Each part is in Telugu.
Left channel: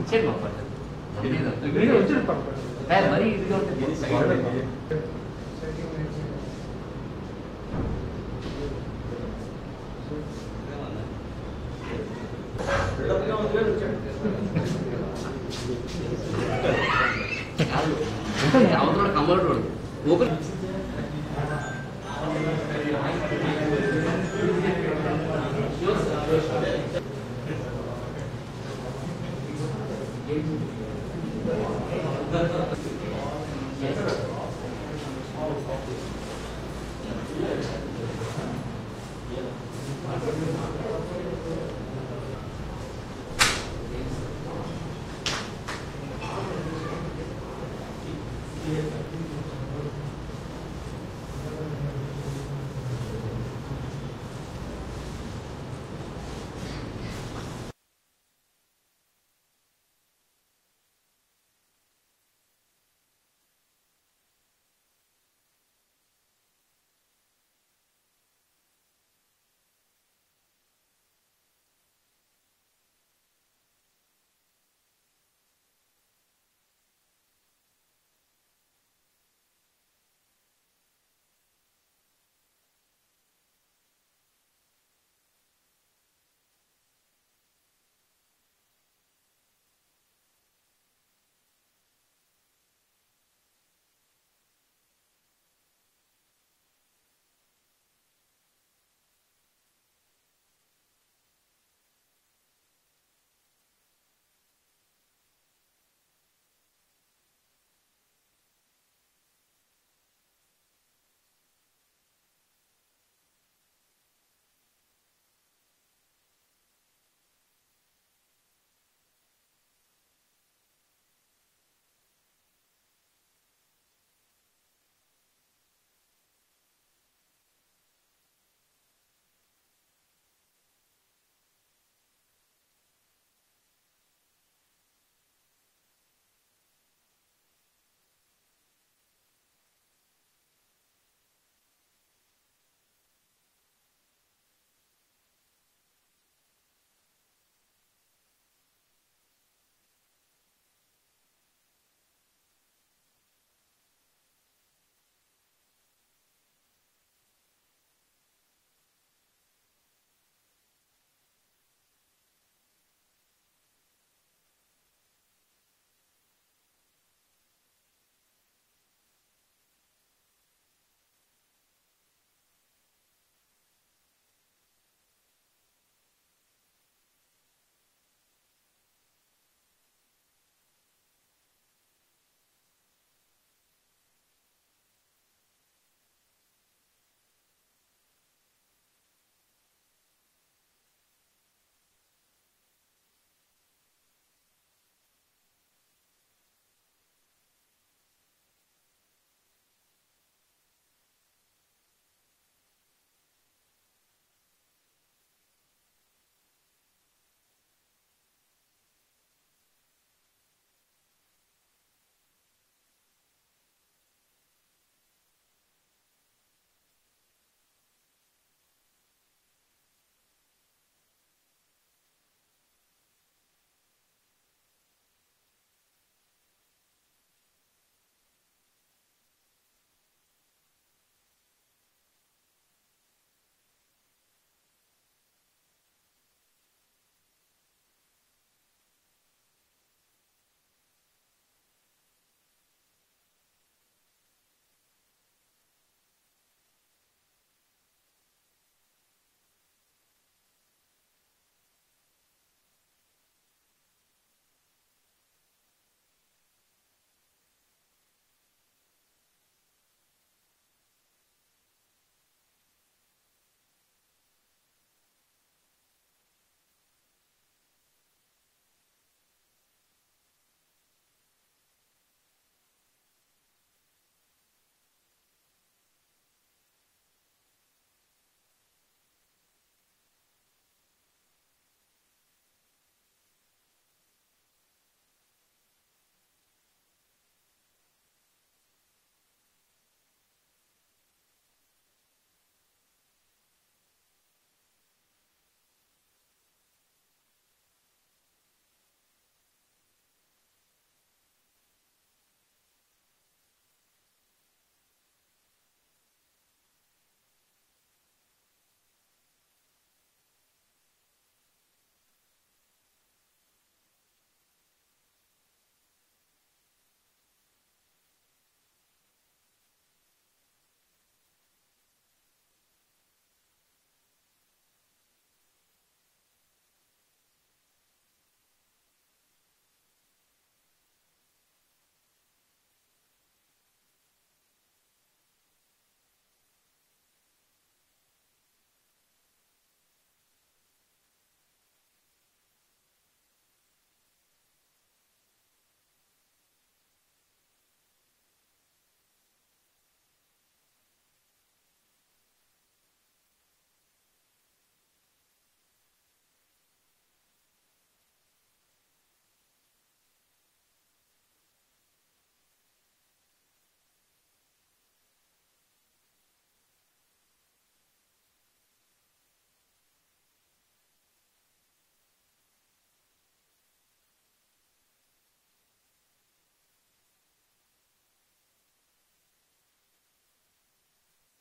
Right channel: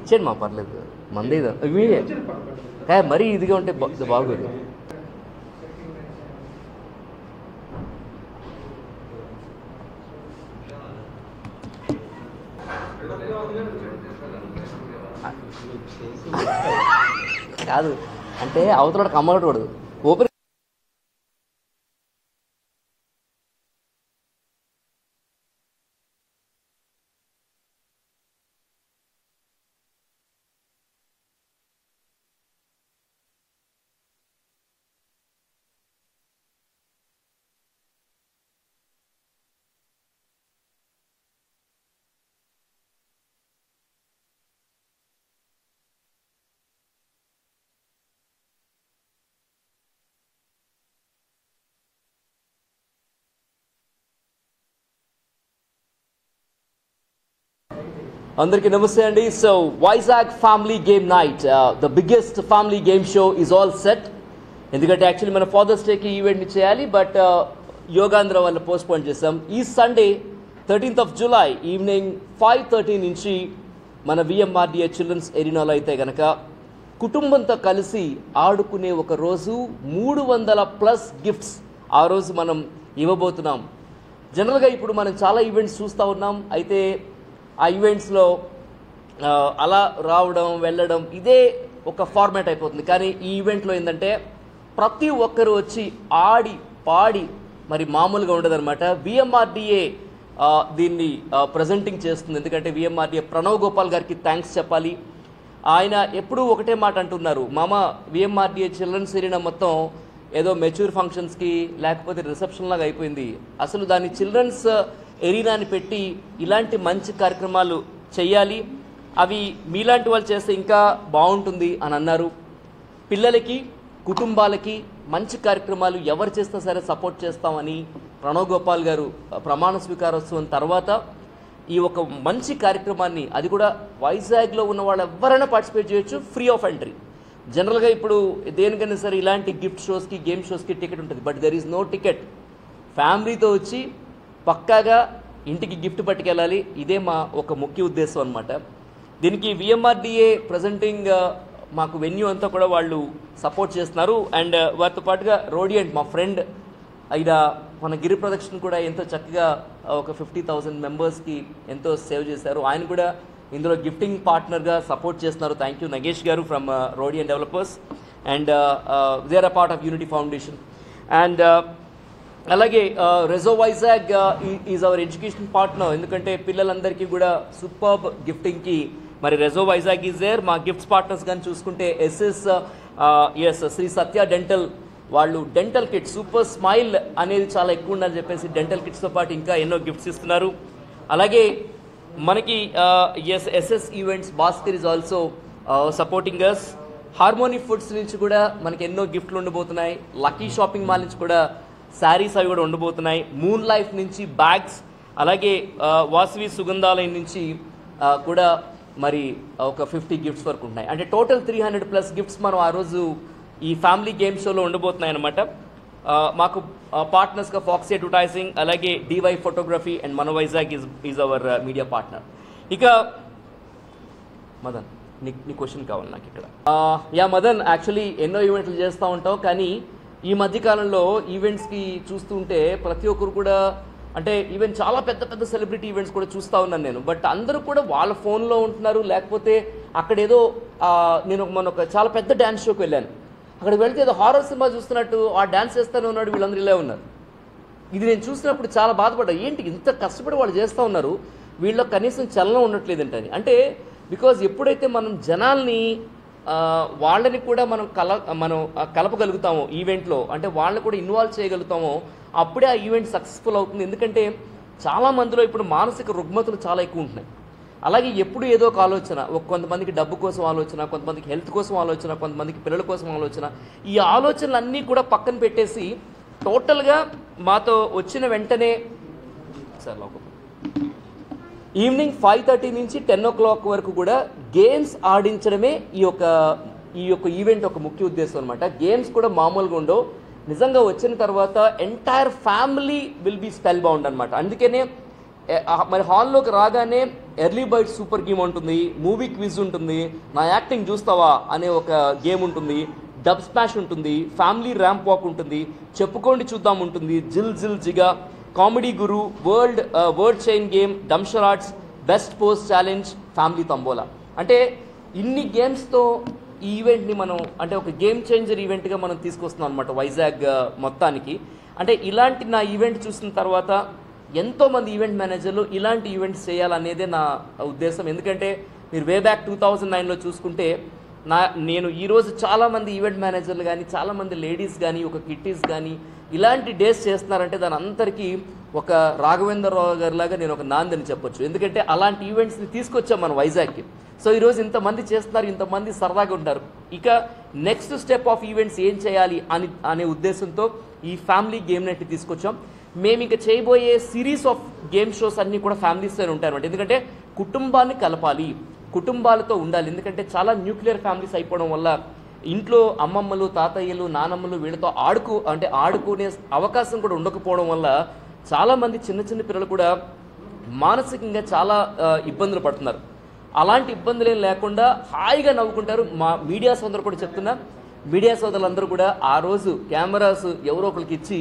ఇచ్చేయండి మా పర్లేదు మంది మరీ ఇదిగా ఉంటే బాగుంటుంది. కాదు అంటే అవతల కమ్మడు ఓపెన్ అందరికీ నమస్తే అండి. So Vizag family game night, the biggest family game show is all set. ఎందుకంటే యాక్చువల్లీ మన ఫాదర్స్ డేకి ఈవెంట్ని చేయాలి, బట్ యోగాంధ్ర వల్ల పోస్ట్పోన్ చేసాం. ఈ Sunday 13th of July evening 5:30 నుంచి మన విఎంఆర్డిఏ చిల్డ్రన్స్ ఎరీనాలో అయితే కనుక కుటుంబంతో కలిసి ఆడుకునే ఒక రోజు 300+ గిఫ్ట్స్ ఆ రోజు మనం ఇవ్వబోతున్నాం. జనరల్గా ఇప్పుడు మనం చాలా ఈవెంట్స్ చూస్తూ ఉన్నాం. అయితే ఆ ఈవెంట్స్లో అలా రావడం వెళ్ళడం ఇదే ఒక ఫార్మాట్ అయిపోతుంది. కానీ ఈ ఈవెంట్లో ఏంటంటే ప్రతి ఒక్కరు వచ్చి ఆడి పాడి మరి మామూలుగా ఉండదన్నమాట. విఎంఆర్డిఏ దీన్ని ప్రజెంటింగ్ చేస్తుంది. ఎందుకంటే విఎంఆర్డిఏ ప్రణవ్ గోపాల్ గారికి థ్యాంక్స్ చెప్పాలి. ఆయన ఎప్పుడూ ఒకటే మాట అంటున్నారు, మామ విఎంఆర్డిఏ చిల్డ్రన్స్ ఎరీనా మొత్తం ఏదో మెచ్యూర్ ఫంక్షన్స్కి లేకపోతే రిసెప్షన్ లాగా అయిపోయింది. అసలు దాన్ని చిల్డ్రన్స్ ఎరీనాని పెట్టి ఇలాంటి మంచి కార్యక్రమాలు చేయాలి, అవి మీలాంటి వాళ్ళు చేస్తే ఇంకా బాగుంటుంది అని అన్నారు. పిల్లలకి కుటుంబాలకి మంచి కార్యక్రమాలు ఎవరు చేసినా సరే సపోర్ట్ చేస్తామని ప్రణవ్ గోపాల్ గారు ప్రమాణ స్వీకారోత్సవం తర్వాత ఈ ఒక మంచి కార్యక్రమాన్ని, అది కూడా వైజాగ్లో ఉన్న వాళ్ళు ఎవరైనా పార్టిసిపేట్ చేయొచ్చు, ఫ్రీ ఆఫ్ ఎంట్రీ. జనరల్గా ఇప్పుడు దేనికైనా సరే ఇలాంటి గిఫ్ట్ షోస్కి గేమ్ షోస్కి టికెట్ ఉంటుంది, but there is no ticket. ఫ్యామిలీతో వచ్చి పక్కాగా ఇంటికి గిఫ్ట్ పట్టుకెళ్ళాలి. ఇదే మా ఒక ముఖ్య ఉద్దేశం అనమాట. దీనికి విఎంఆర్డిఏ ప్రజెంటింగ్ మాకు వెన్యూ అంతా కూడా వాళ్ళు సపోర్ట్ చేస్తున్నారు. అండ్ వారితో పాటుగా రోడియంట్ మా ఫ్రెండ్ అయిన మన గిరి ప్రదక్షిణ కూడా ఎంతో చక్కగా ఒక 50,000 మెంబర్స్కి ఎంతో సేవ్ చేశారు. ఆయన కూడా ఇందులో గిఫ్టింగ్ పార్ట్నర్గా సపోర్ట్ చేస్తున్నారు. Thank you Nagesh garu from Rodian developers. And they are a part of unity foundation. And అలాగే Rezo Vizag is our education partner. ఎందుకంటే పిల్లలందరికీ కూడా సూపర్బ్ గిఫ్టింగ్కి మరి రెజో వైజాగ్ ఈజ్ దేర్. మా గిఫ్ట్స్ పార్ట్నర్స్ కానీ చూసుకుంటే ఎస్ శ్రీ సత్య డెంటల్, వాళ్ళు డెంటల్ కిట్ సూపర్ స్మైల్ అనేది చాలా ఎక్కువ ఉందని చెప్పేసి డెంటల్ కిట్స్తో పాటు ఇంకా ఎన్నో గిఫ్ట్స్ ఇస్తున్నారు. అలాగే మనకి SS events Bhaskar is also supporting us. Harmony Foods నుంచి కూడా మనకి ఎన్నో గిఫ్ట్లు ఉండబోతున్నాయి. లక్కీ షాపింగ్ మాల్ నుంచి కూడా శారీస్ అవి కూడా ఉండబోతున్నాయి. మూన్ లైఫ్ నుంచి బ్యాగ్స్, అలాగే వాసవి సుగంధాలయం నుంచి కూడా మరి ఒక 50 గిఫ్ట్స్ వరకు ఉన్నాయి. అంటే టోటల్ 300+ గిఫ్ట్స్ మనం ఆ రోజు ఈ ఫ్యామిలీ గేమ్ షోలో ఉండబోతున్నాయి అన్నమాట. మాకు పార్ట్నర్స్గా ఫాక్సీ అడ్వర్టైజింగ్, అలాగే డివై ఫోటోగ్రఫీ అండ్ మన Vizag is hour media partner. ఇక మదన్ నీ క్వశ్చన్ కావాలి నాకు ఇక్కడ. యా మదన్, యాక్చువల్లీ ఎన్నో ఈవెంట్లు చేస్తూ ఉంటాం, కానీ ఈ మధ్యకాలంలో ఈవెంట్స్కి చూస్తుంటే ప్రతి ఒక్కరు కూడా, అంటే ఈవెన్ చాలా పెద్ద పెద్ద సెలబ్రిటీ ఈవెంట్స్ కూడా చూస్తూ ఉన్నాను నేను, బట్ అందరూ కూడా వాళ్ళ ఫోన్లో ఉంటున్నారు. లేకపోతే అక్కడ ఏదో నేను ఒక చాలా పెద్ద డ్యాన్స్ షోకి వెళ్ళాను, అక్కడికి వెళ్తే ఏదో హారర్ సినిమా చూస్తున్నట్టు ఆ డ్యాన్స్ చేస్తూనే ఉన్నాడు, వీళ్ళందరూ ఇలా ఉన్నారు. ఇది నేను చూసినప్పుడు చాలా బాధపడ్డా, ఏంటి ఇంత కష్టపడి వాళ్ళు చేస్తూ ఉన్నారు, వీళ్ళకి కనీసం చలనం ఉండట్లేదంటని. అంటే బికాజ్ ఎప్పుడైతే మనం జనాల్ని వాళ్ళని కూడా మనం కలపగలుగుతామో ఈవెంట్లో, అంటే వాళ్ళని కూడా ఇన్వాల్వ్ చేయగలుగుతామో, అప్పుడే ఆ ఈవెంట్ సక్సెస్ఫుల్ అవుతుంది. ఎందుకంటే చాలా మందిలో ఇప్పుడు మానసిక రుగ్మతలు చాలా ఎక్కువ ఉంటున్నాయి. అలాగే ఎప్పుడు ఏదో ఒక ఆలోచన, కొంతమందికి డబ్బు కోసం ఆలోచన, కొంతమందికి హెల్త్ కోసం ఆలోచన, కొంతమందికి పిల్లల కోసం ఆలోచన. ఈ ఆలోచనలన్నీ కూడా పక్కన పెట్టేసి టోటల్గా మాతో వచ్చిన వెంటనే సార్ ఈవినింగ్ 5:30 నుంచి 10 o'clock వరకు కూడా గేమ్స్ ఆడించడమే ఈ యొక్క ఈవెంట్ ఒక ముఖ్య ఉద్దేశం అనమాట. గేమ్స్ కూడా మామూలుగా ఉండవు, నిజంగా వచ్చిన తర్వాత entire family will be spellbound అనమాట. అందుకనే మరి హాల్లోకి రాగానే ఎర్లీ బైట్ సూపర్ గేమ్ ఉంటుంది, మూవీ క్విజ్ ఉంటుంది, నా యాక్టింగ్ చూస్తావా అనే ఒక గేమ్ ఉంటుంది, డబ్ స్మాష్ ఉంటుంది, ఫ్యామిలీ ర్యాంప్ వాక్ ఉంటుంది, చెప్పుకోండి చూద్దాం ఉంటుంది, జిల్ జిల్ జిగా, comedy guru, word chain game, dumb charades, best post challenge, family tambola. అంటే ఇన్ని గేమ్స్తో ఈ ఈవెంట్ని మనం అంటే ఒక గేమ్ చేంజర్ ఈవెంట్గా మనం తీసుకొస్తున్నాం అనమాట వైజాగ్ మొత్తానికి. అంటే ఇలాంటి నా ఈవెంట్ చూసిన తర్వాత ఎంతోమంది ఈవెంట్ మేనేజర్లు ఇలాంటి ఈవెంట్స్ చేయాలనేదే నా ఉద్దేశం. ఎందుకంటే మీరు వే బ్యాక్ 2009లో చూసుకుంటే నేను ఈరోజు చాలామంది ఈవెంట్ మేనేజర్లు కానీ చాలామంది లేడీస్ కానీ ఒక కిట్టీస్ కానీ ఇలాంటి డేస్ చేస్తున్నారంటే దాని అందరికీ ఒక రాఘవేంద్రరావు గారిలాగా నేను ఒక నాందని చెప్పొచ్చు. ఎందుకంటే అలాంటి ఈవెంట్స్ని తీసుకొచ్చాం మన వైజాగ్కి. సో ఈరోజు ఇంతమంది చేస్తున్నారు, ఇంతమంది సరదాగా ఉంటారు. ఇక నెక్స్ట్ స్టెప్ ఆఫ్ ఈవెంట్స్ ఏం చేయాలి అనే ఉద్దేశంతో ఈ ఫ్యామిలీ గేమ్ నైట్ని తీసుకొచ్చాం. మేము ఇక చేయబోయే సిరీస్ ఆఫ్ గేమ్ షోస్ అన్నీ కూడా ఫ్యామిలీస్తో ఉంటాయన్నమాట. ఎందుకంటే కుటుంబాన్ని కలపాలి, కుటుంబాలతో ఉండాలి. ఎందుకంటే చాలా న్యూక్లియర్ ఫ్యామిలీస్ అయిపోవడం వల్ల ఇంట్లో అమ్మమ్మలు, తాతయ్యలు, నానమ్మలు వీళ్ళతో ఆడుకునే అవకాశం కూడా ఉండకపోవడం వల్ల చాలామంది చిన్న చిన్న పిల్లలు కూడా మానసికంగా చాలా ఇబ్బందులు పడుతున్నారు. అలాంటి ఇబ్బందులు ఏం లేకుండా హాయిగా నవ్వుకుంటారు. మా మీడియా సోదరులు కూడా చెప్తున్నా, మీడియా సోదరులందరూ కూడా ఆ రోజు కెమెరాస్ ఎవరో ఒకరికి ఇచ్చి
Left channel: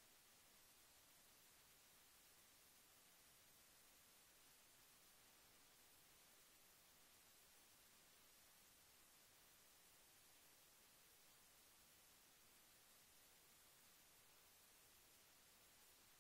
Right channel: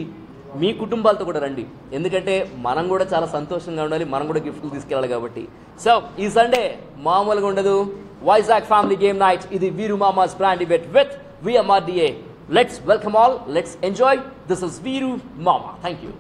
మీ కుటుంబాలతో కూడా రండి. ఎందుకంటే మనం కూడా చాలా సంతోషంగా ఉండాలి, మనం కూడా గిఫ్ట్లు తీసుకెళ్ళాలి కాబట్టి. సో ఈ సండే మామూలుగా ఉండదు. వైజాగ్ ఫ్యామిలీ గేమ్ నైట్, ఇది Veeru Mama's brand event with VMRDA. Let's welcome all, let's enjoy. This is Veeru Mama. Thank you.